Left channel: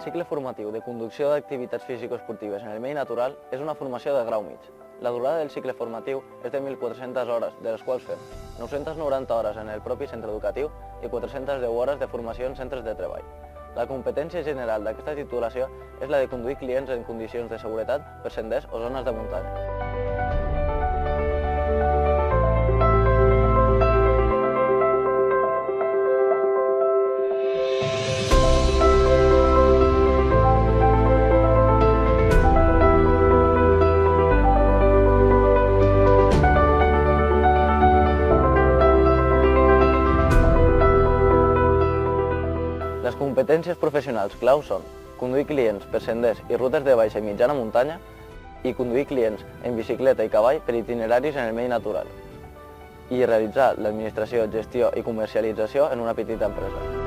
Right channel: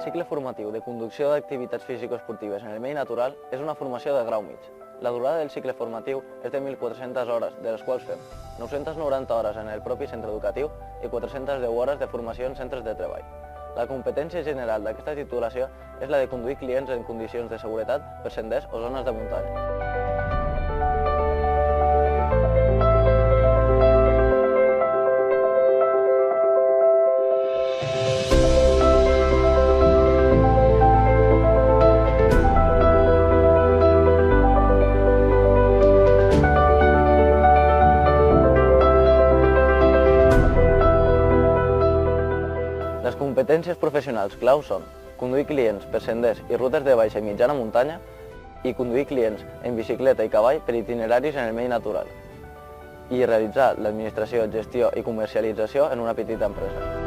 El cicle formatiu de conducció d'activitats físico-esportives en el medi natural és una formació de grau mig. La durada del cicle formatiu és de 1.400 hores, de les quals fem 990 hores en el propi centre educatiu i 410 hores de formació en centres de treball. La competència general d'aquesta titulació és la de conduir clients en condicions de seguretat per senders o zones de muntanya. Les competències professionals clau són conduir clients per senders i rutes de baixa i mitjana muntanya i conduir clients en bicicleta i cavall per itineraris en el medi natural i realitzar l'administració, gestió i comercialització en una petita empresa.